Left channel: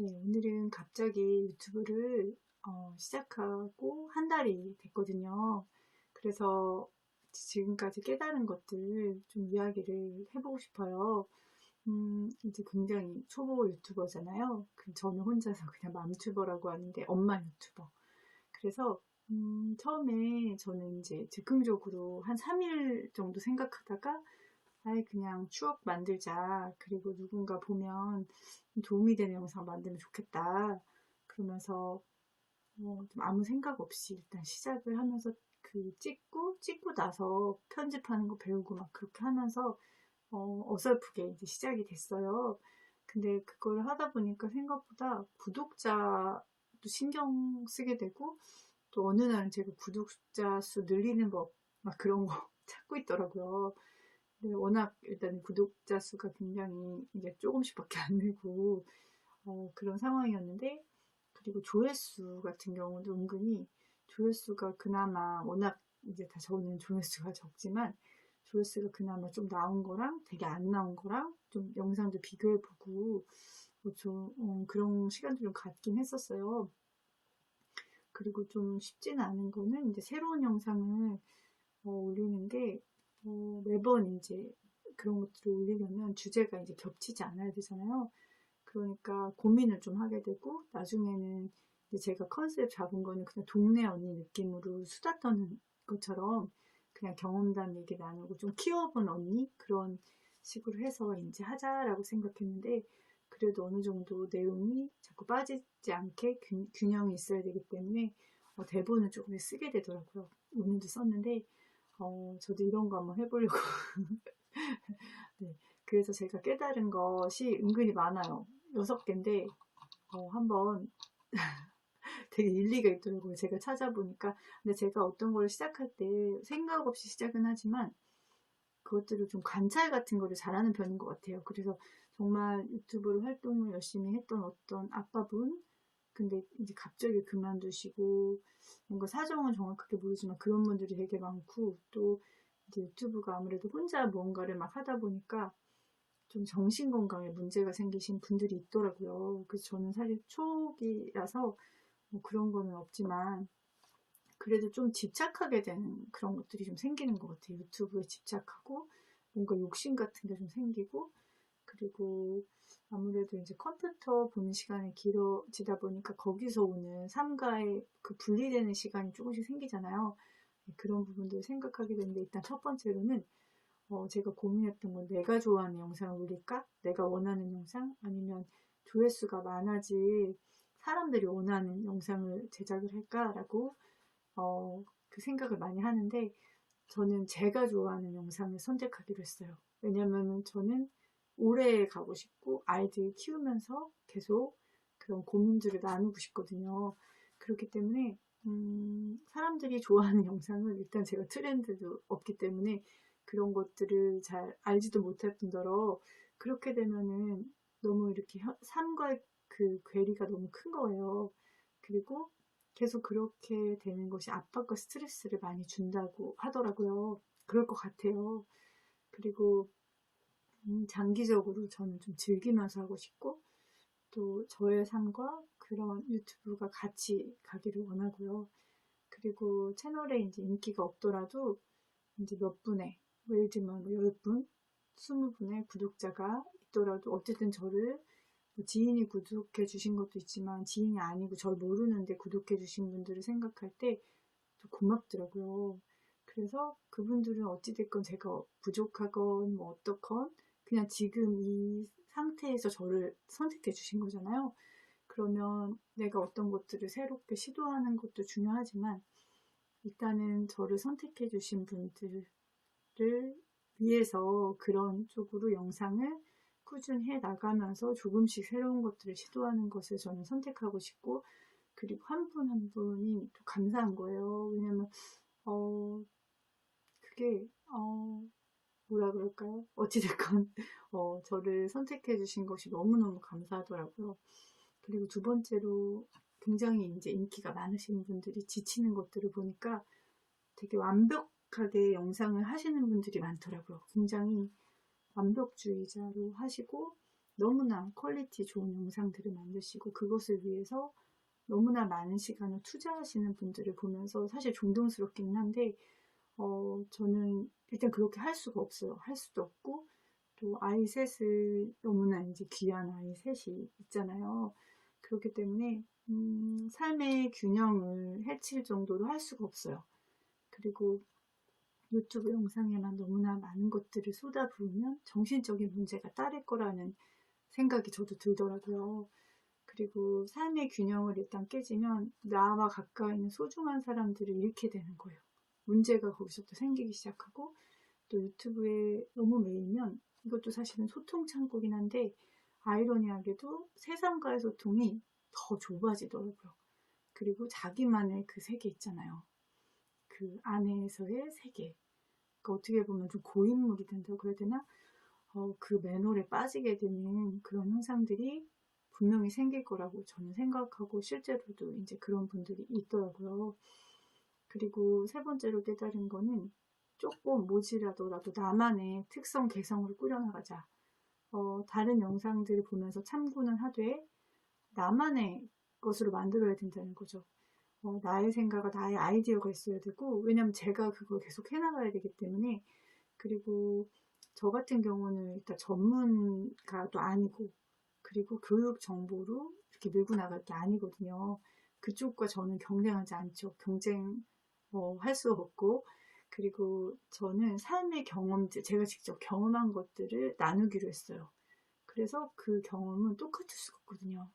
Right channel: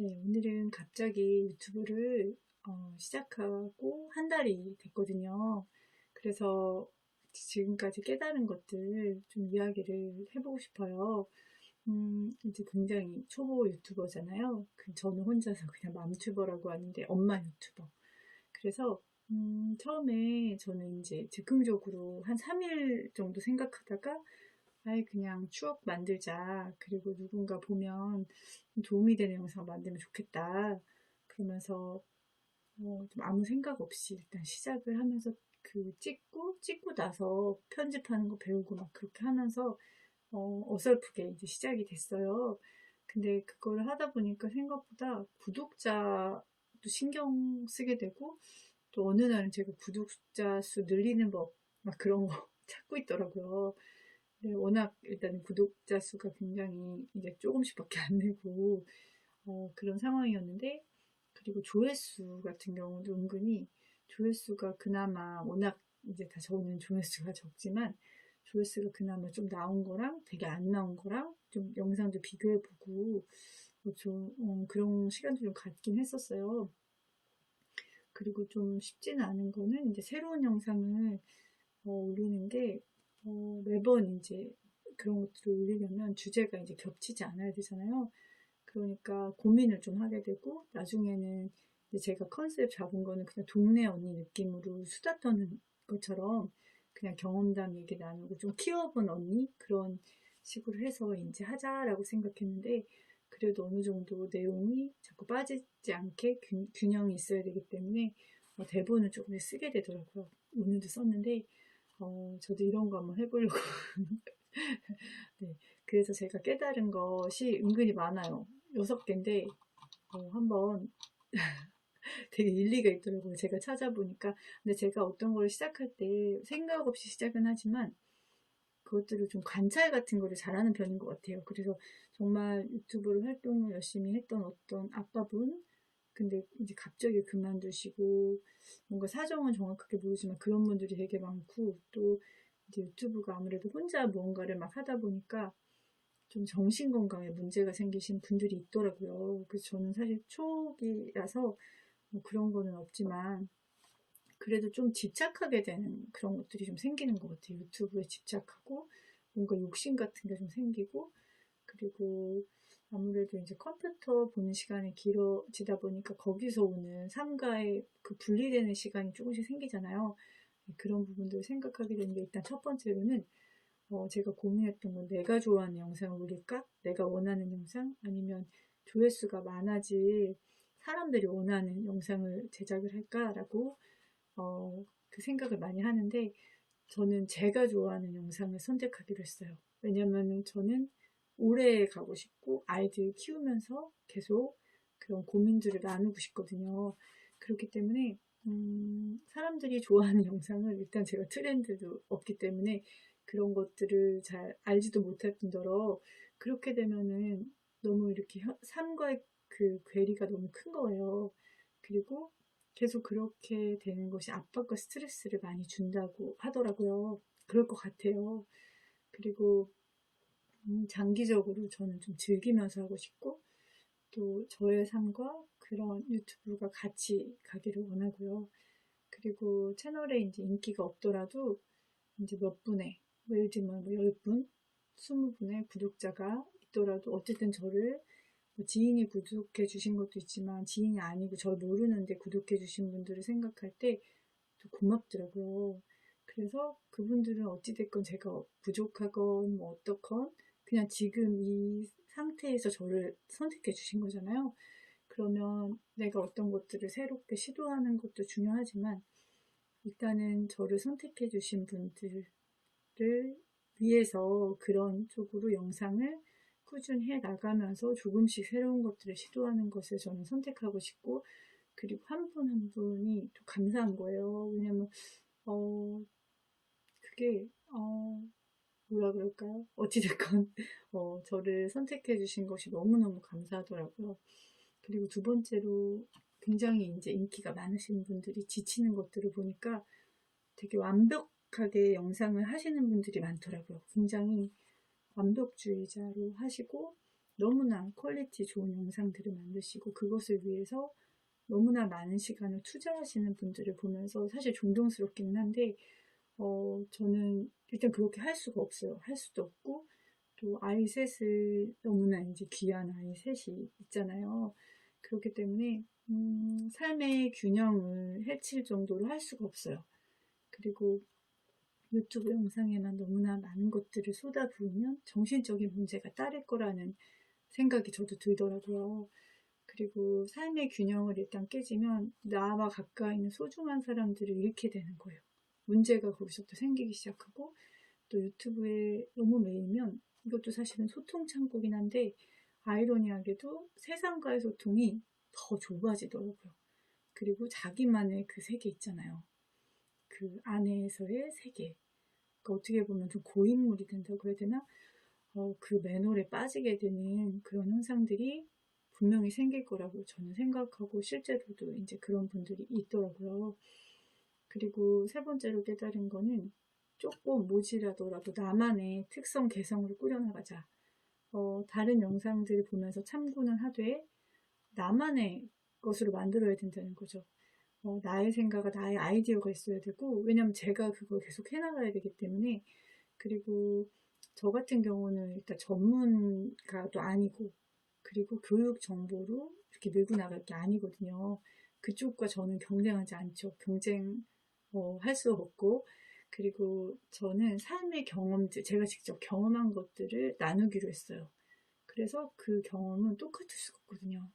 네, 오늘은 갑자기 유튜브를 시작하고 한 달이 됐거든요. 그래서 지금까지 깨달은 것들 좀 이야기를 해보고 싶어요. 이제 굉장히 초보 유튜버잖아요. 저는 혼자서 그냥 맘튜버라고 하는데 엄마 유튜버. 그래서 처음에 저는 이제 즉흥적으로 한 3일 정도 생각하다가 아예 그냥 추억 만들자. 그리고 누군가 보면 도움이 되는 영상 만들면 좋겠다. 그러면서 좀 아무 생각 없이 일단 시작을 하면서 찍고 나서 편집하는 거 배우고 막 그렇게 하면서 어설프게 이제 시작이 됐어요. 근데 그걸 하다 보니까 생각보다 구독자도 신경 쓰게 되고 또 어느 날은 제가 구독자 수 늘리는 법 막 그런 거 찾고 있더라고요. 네, 워낙 일단 구독자 수가 굉장히 이제 조금씩밖에 안 늘고 그런 상황이었는데, 그리고 조회수 같은 경우도 은근히 조회수가 그나마 워낙 이제 다 저는 조회수가 적지만 조회수가 그나마 좀 나온 거랑 되게 안 나온 거랑 좀 영상도 비교해보고 좀 그런 시간도 좀 갖긴 했었어요. 그리고 좀 쉽지는 않은 거는 이제 새로운 영상을 올리는 게 매번 이제 그런 것들을 올리려면 주제가 이제 겹치지 않아야 되잖아요. 그러니까 고민을 좀 하게 되고 나중에는 이제 제가 컨셉 잡은 거는 그냥 동네 언니 느낌으로 수다 떠는 것처럼 그냥 경험담 얘기 나누고 좀 키워본 언니 그런 식으로 해서 이제 하자라고 생각했는데, 그래도 어느 정도 내용이 자꾸 빠지지 않게 균형이 있어야 되기 때문에 대본을 조금 쓰게 되더라고요. 오늘도 썼는데 저도 이런 거 한번 해보려고. 네. 그래서 제가 깨달은 것이 은근히 많아요. 6개인데, 한번 되게 일리가 있더라고요. 제가 찾아보니까. 근데 제가 어떤 걸 시작할 때 생각 없이 시작은 하지만 그것들을 좀 관찰 같은 거를 잘하는 편인 것 같아요. 그래서 정말 유튜브로 활동을 열심히 했던 어떤 아빠분, 근데 이제 갑자기 그만두시고, 뭔가 사정은 정확하게 모르지만 그런 분들이 되게 많고, 또 이제 유튜브가 아무래도 혼자 무언가를 막 하다 보니까 좀 정신건강에 문제가 생기신 분들이 있더라고요. 그래서 저는 사실 초기라서 뭐 그런 거는 없지만 그래도 좀 집착하게 되는 그런 것들이 좀 생기는 것 같아요. 유튜브에 집착하고 뭔가 욕심 같은 게 좀 생기고, 그리고 아무래도 이제 컴퓨터 보는 시간이 길어지다 보니까 거기서 오는 삶과의 그 분리되는 시간이 조금씩 생기잖아요. 네, 그런 부분들을 생각하게 되는데, 일단 첫 번째로는 제가 고민했던 건 내가 좋아하는 영상을 올릴까? 내가 원하는 영상? 아니면 조회수가 많아질 사람들이 원하는 영상을 제작을 할까라고 그 생각을 많이 하는데, 저는 제가 좋아하는 영상을 선택하기로 했어요. 왜냐면 저는 오래 가고 싶고 아이들 키우면서 계속 그런 고민들을 나누고 싶거든요. 그렇기 때문에 사람들이 좋아하는 영상을, 일단 제가 트렌드도 없기 때문에 그런 것들을 잘 알지도 못할 뿐더러 그렇게 되면은 너무 이렇게 삶과의 그 괴리가 너무 큰 거예요. 그리고 계속 그렇게 되는 것이 압박과 스트레스를 많이 준다고 하더라고요. 그럴 것 같아요. 그리고 장기적으로 저는 좀 즐기면서 하고 싶고, 또 저의 삶과 그런 유튜브가 같이 가기를 원하고요. 그리고 채널에 이제 인기가 없더라도 이제 몇 분의, 뭐 예를 들면 뭐 10분, 20분의 구독자가 있더라도 어쨌든 저를, 뭐 지인이 구독해 주신 것도 있지만 지인이 아니고 절 모르는데 구독해 주신 분들을 생각할 때 또 고맙더라고요. 그래서 그분들은 어찌됐건 제가 부족하건 뭐 어떻건 그냥 지금 이 상태에서 저를 선택해 주신 거잖아요. 그러면 내가 어떤 것들을 새롭게 시도하는 것도 중요하지만 일단은 저를 선택해 주신 분들을 위해서 그런 쪽으로 영상을 꾸준히 해 나가면서 조금씩 새로운 것들을 시도하는 것을 저는 선택하고 싶고, 그리고 한 분 한 분이 또 감사한 거예요. 왜냐면 그게 뭐라 그럴까요? 어찌됐건 저를 선택해 주신 것이 너무너무 감사하더라고요. 그리고 두 번째로 굉장히 이제 인기가 많으신 분들이 지치는 것들을 보니까 되게 완벽하게 영상을 하시는 분들이 많더라고요. 굉장히 완벽주의자로 하시고 너무나 퀄리티 좋은 영상들을 만드시고 그것을 위해서 너무나 많은 시간을 투자하시는 분들을 보면서 사실 존경스럽기는 한데 저는 일단 그렇게 할 수가 없어요. 할 수도 없고 또 아이 셋을 너무나 이제 귀한 아이 셋이 있잖아요. 그렇기 때문에 삶의 균형을 해칠 정도로 할 수가 없어요. 그리고 유튜브 영상에만 너무나 많은 것들을 쏟아부으면 정신적인 문제가 따를 거라는 생각이 저도 들더라고요. 그리고 삶의 균형을 일단 깨지면 나와 가까이 있는 소중한 사람들을 잃게 되는 거예요. 문제가 거기서부터 생기기 시작하고 또 유튜브에 너무 매이면 이것도 사실은 소통 창구긴 한데 아이러니하게도 세상과의 소통이 더 좁아지더라고요. 그리고 자기만의 그 세계 있잖아요. 그 안에서의 세계. 그러니까 어떻게 보면 좀 고인물이 된다고 해야 되나? 그 매놀에 빠지게 되는 그런 현상들이 분명히 생길 거라고 저는 생각하고 실제로도 이제 그런 분들이 있더라고요. 그리고 세 번째로 깨달은 거는 조금 모질하더라도 나만의 특성 개성으로 꾸려나가자. 다른 영상들을 보면서 참고는 하되 나만의 것으로 만들어야 된다는 거죠. 나의 생각과 나의 아이디어가 있어야 되고 왜냐면 제가 그걸 계속 해나가야 되기 때문에 그리고 저 같은 경우는 일단 전문가도 아니고 그리고 교육 정보로 이렇게 밀고 나갈 게 아니거든요. 그쪽과 저는 경쟁하지 않죠. 할 수 없고 그리고 저는 삶의 경험들 제가 직접 경험한 것들을 나누기로 했어요. 그래서 그 경험은 똑같을 수가 없거든요.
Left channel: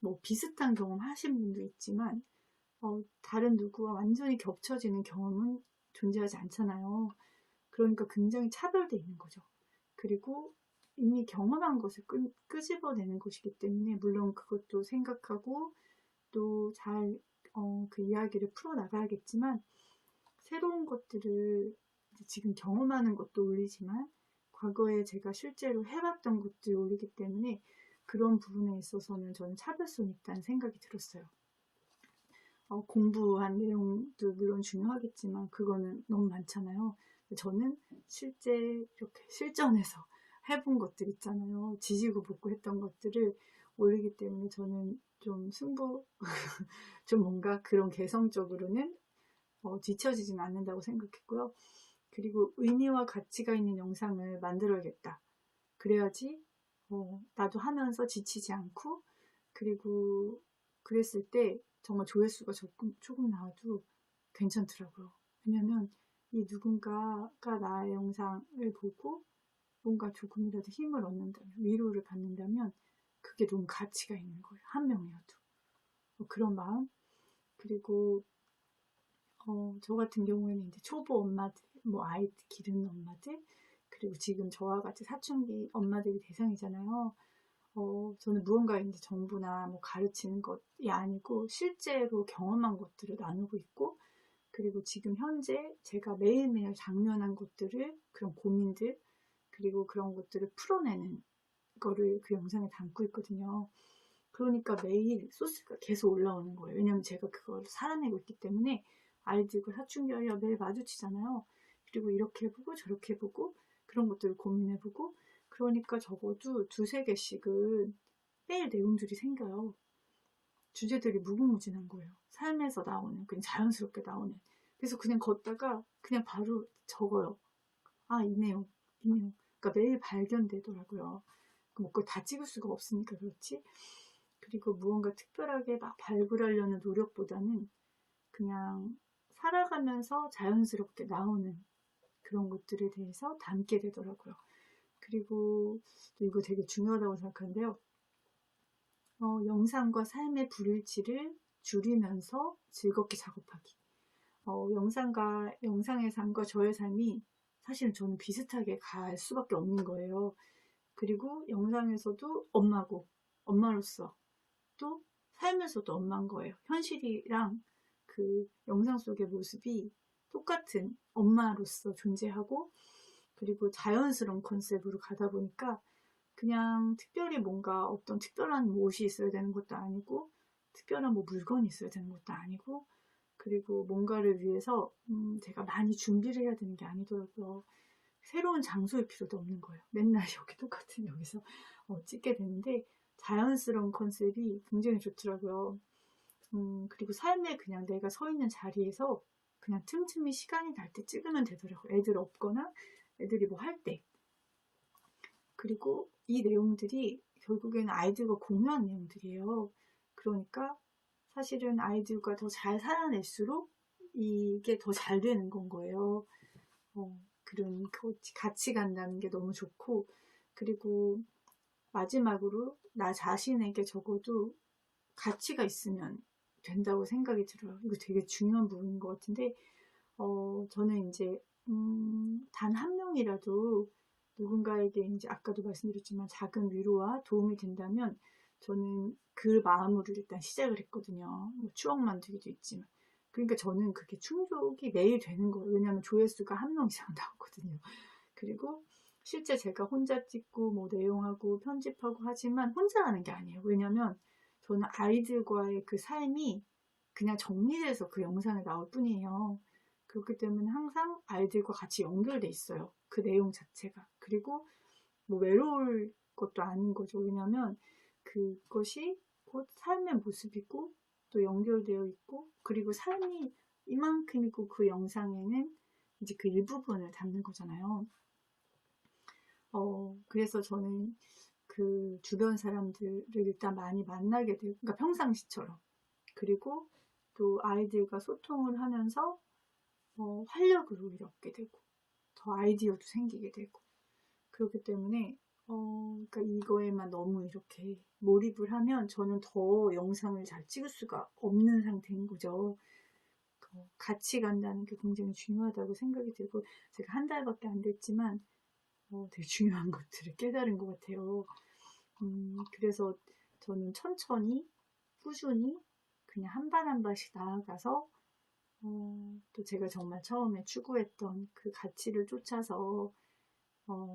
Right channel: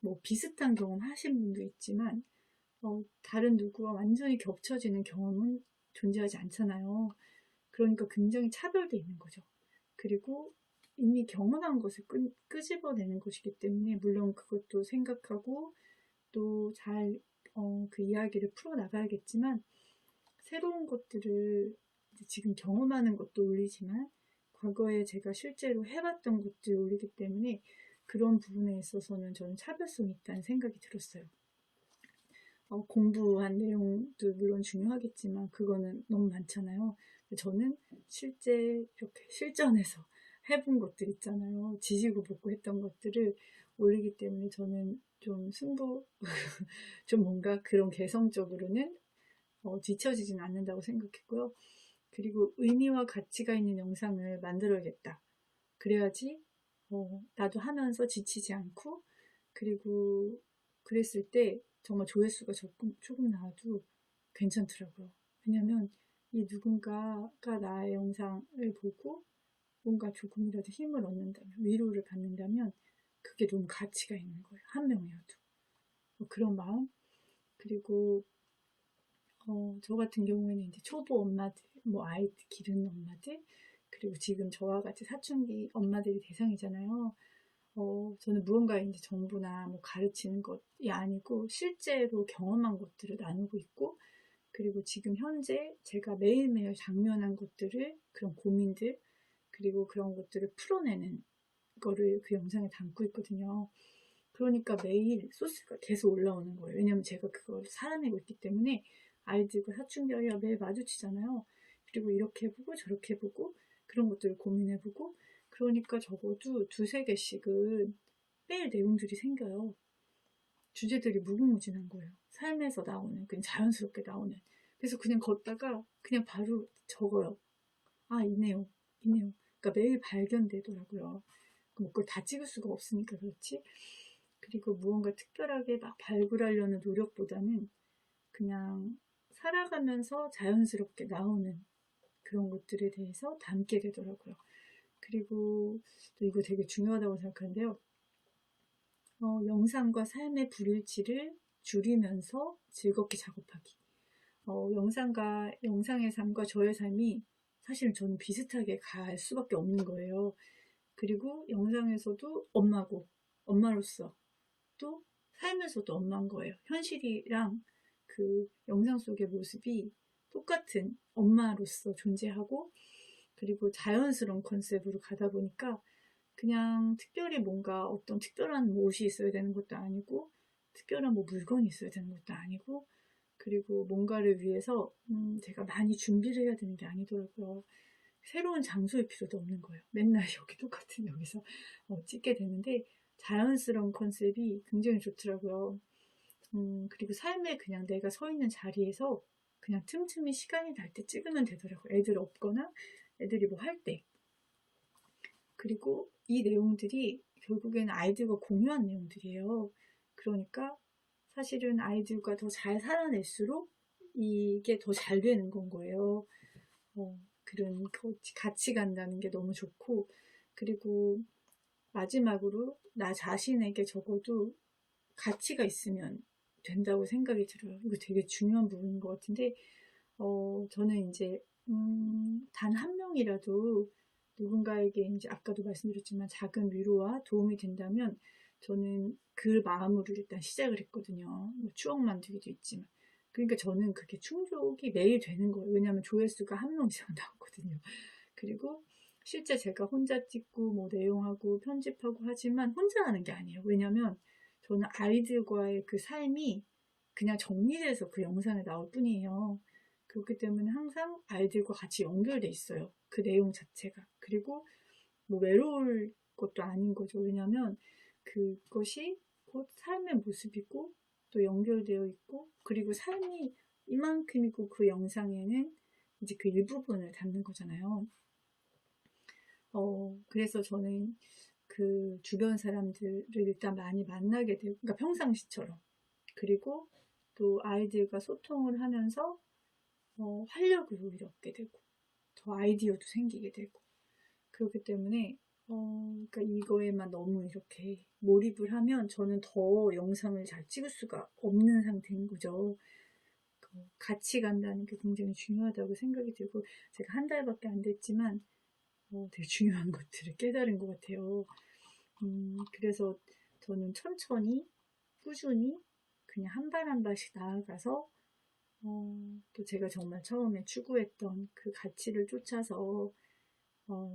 뭐 비슷한 경험 하신 분도 있지만 다른 누구와 완전히 겹쳐지는 경험은 존재하지 않잖아요. 그러니까 굉장히 차별돼 있는 거죠. 그리고 이미 경험한 것을 끄집어내는 것이기 때문에 물론 그것도 생각하고 또 잘 그 이야기를 풀어나가야겠지만 새로운 것들을 지금 경험하는 것도 올리지만 과거에 제가 실제로 해봤던 것들을 올리기 때문에 그런 부분에 있어서는 저는 차별성이 있다는 생각이 들었어요. 공부한 내용도 물론 중요하겠지만 그거는 너무 많잖아요. 저는 실제 이렇게 실전에서 해본 것들 있잖아요. 지지고 볶고 했던 것들을 올리기 때문에 저는 좀 좀 뭔가 그런 개성적으로는 뒤처지진 않는다고 생각했고요. 그리고 의미와 가치가 있는 영상을 만들어야겠다. 그래야지 나도 하면서 지치지 않고 그리고 그랬을 때 정말 조회수가 조금 나와도 괜찮더라고요. 왜냐면 이 누군가가 나의 영상을 보고 뭔가 조금이라도 힘을 얻는다면 위로를 받는다면 그게 너무 가치가 있는 거예요. 한 명이어도. 그런 마음 그리고 저 같은 경우에는 이제 초보 엄마들, 뭐 아이 기르는 엄마들, 그리고 지금 저와 같이 사춘기 엄마들이 대상이잖아요. 저는 무언가 이제 정보나 뭐 가르치는 것이 아니고 실제로 경험한 것들을 나누고 있고, 그리고 지금 현재 제가 매일매일 당면한 것들을, 그런 고민들, 그리고 그런 것들을 풀어내는 거를 그 영상에 담고 있거든요. 그러니까 매일 소스가 계속 올라오는 거예요. 왜냐면 제가 그걸 살아내고 있기 때문에 아이들과 사춘기와 매일 마주치잖아요. 그리고 이렇게 해보고 저렇게 해보고 그런 것들을 고민해보고 그러니까 적어도 두세 개씩은 매일 내용들이 생겨요. 주제들이 무궁무진한 거예요. 삶에서 나오는 그냥 자연스럽게 나오는 그래서 그냥 걷다가 그냥 바로 적어요. 아, 이 내용, 이 내용. 그러니까 매일 발견되더라고요. 뭐 그걸 다 찍을 수가 없으니까 그렇지. 그리고 무언가 특별하게 막 발굴하려는 노력보다는 그냥 살아가면서 자연스럽게 나오는 그런 것들에 대해서 담게 되더라고요. 그리고 또 이거 되게 중요하다고 생각하는데요. 영상과 삶의 불일치를 줄이면서 즐겁게 작업하기. 영상의 삶과 저의 삶이 사실 저는 비슷하게 갈 수밖에 없는 거예요. 그리고 영상에서도 엄마고, 엄마로서 또 삶에서도 엄마인 거예요. 현실이랑 그 영상 속의 모습이 똑같은 엄마로서 존재하고 그리고 자연스러운 컨셉으로 가다 보니까 그냥 특별히 뭔가 어떤 특별한 옷이 있어야 되는 것도 아니고 특별한 뭐 물건이 있어야 되는 것도 아니고 그리고 뭔가를 위해서 제가 많이 준비를 해야 되는 게 아니더라고요. 새로운 장소일 필요도 없는 거예요. 맨날 여기 똑같은 여기서 찍게 되는데 자연스러운 컨셉이 굉장히 좋더라고요. 그리고 삶에 그냥 내가 서 있는 자리에서 그냥 틈틈이 시간이 날 때 찍으면 되더라고요. 애들 없거나 애들이 뭐 할 때. 그리고 이 내용들이 결국에는 아이들과 공유한 내용들이에요. 그러니까 사실은 아이들과 더 잘 살아낼수록 이게 더 잘 되는 건 거예요. 그런 같이 간다는 게 너무 좋고, 그리고 마지막으로 나 자신에게 적어도 가치가 있으면 된다고 생각이 들어요. 이거 되게 중요한 부분인 것 같은데, 저는 이제 단 한 명이라도 누군가에게 이제 아까도 말씀드렸지만 작은 위로와 도움이 된다면 저는 그 마음으로 일단 시작을 했거든요. 뭐 추억 만들기도 있지만. 그러니까 저는 그게 충족이 매일 되는 거예요. 왜냐하면 조회수가 한 명 이상 나오거든요. 그리고 실제 제가 혼자 찍고 뭐 내용하고 편집하고 하지만 혼자 하는 게 아니에요. 왜냐하면 저는 아이들과의 그 삶이 그냥 정리돼서 그 영상에 나올 뿐이에요. 그렇기 때문에 항상 아이들과 같이 연결돼 있어요. 그 내용 자체가. 그리고 뭐 외로울 것도 아닌 거죠. 왜냐면 그것이 곧 삶의 모습이고 또 연결되어 있고, 그리고 삶이 이만큼이고 그 영상에는 이제 그 일부분을 담는 거잖아요. 그래서 저는 그 주변 사람들을 일단 많이 만나게 되고, 그러니까 평상시처럼. 그리고 또 아이들과 소통을 하면서 활력을 오히려 얻게 되고, 더 아이디어도 생기게 되고, 그렇기 때문에 그러니까 이거에만 너무 이렇게 몰입을 하면 저는 더 영상을 잘 찍을 수가 없는 상태인 거죠. 같이 간다는 게 굉장히 중요하다고 생각이 들고, 제가 한 달밖에 안 됐지만 되게 중요한 것들을 깨달은 것 같아요. 그래서 저는 천천히 꾸준히 그냥 한 발 한 발씩 나아가서 또 제가 정말 처음에 추구했던 그 가치를 쫓아서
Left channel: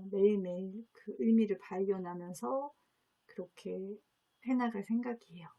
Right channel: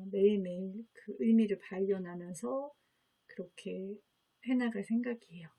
매일매일 그 의미를 발견하면서 그렇게 해나갈 생각이에요.